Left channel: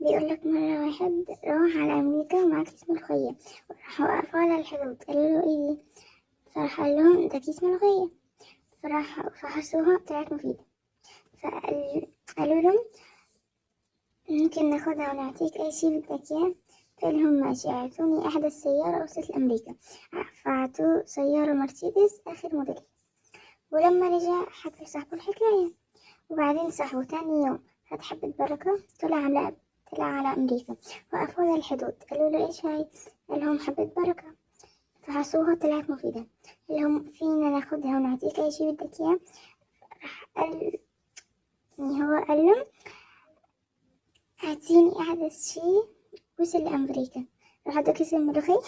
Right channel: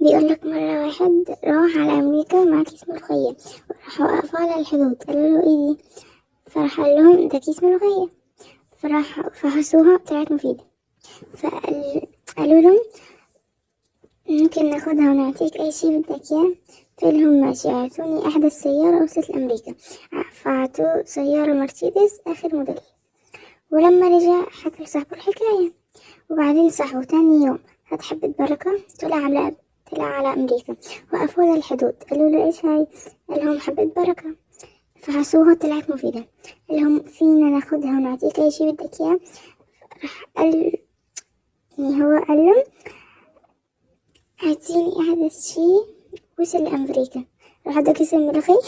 بيقول لك مرة واحد راح على أمريكا مع كيس ملوخية، وراح وقفوا على الحدود قالوا له ايه دي، فراح قال لهم ده كيس ملوخية، فراح فحصوها طلعت مفيدة. فقالوا لهم ممكن ناخدها ونعطيك أي شي بدك إياه. قلت لهم ماشي، أعطوني أحدث سيارة وصلت لأمريكا. فأعطوه سيارة مرسيدس آخر موديل. ولما رجع حكى لصاحبه الحكاية، وبعدين صاحبه تاني يوم خد حبة بركة طلع على أمريكا، وقفوا على الحدود قالوا له إيش هاي؟ قال لهم حبة بركة. فحسوها طلعت مفيدة، قال لهم فينا ناخدها ونعطيك أي شي بدك إياه. راح قال يعني هو قال لهم هاتيني أحدث شي وصل لأمريكا. راح ادى كيس الملوخية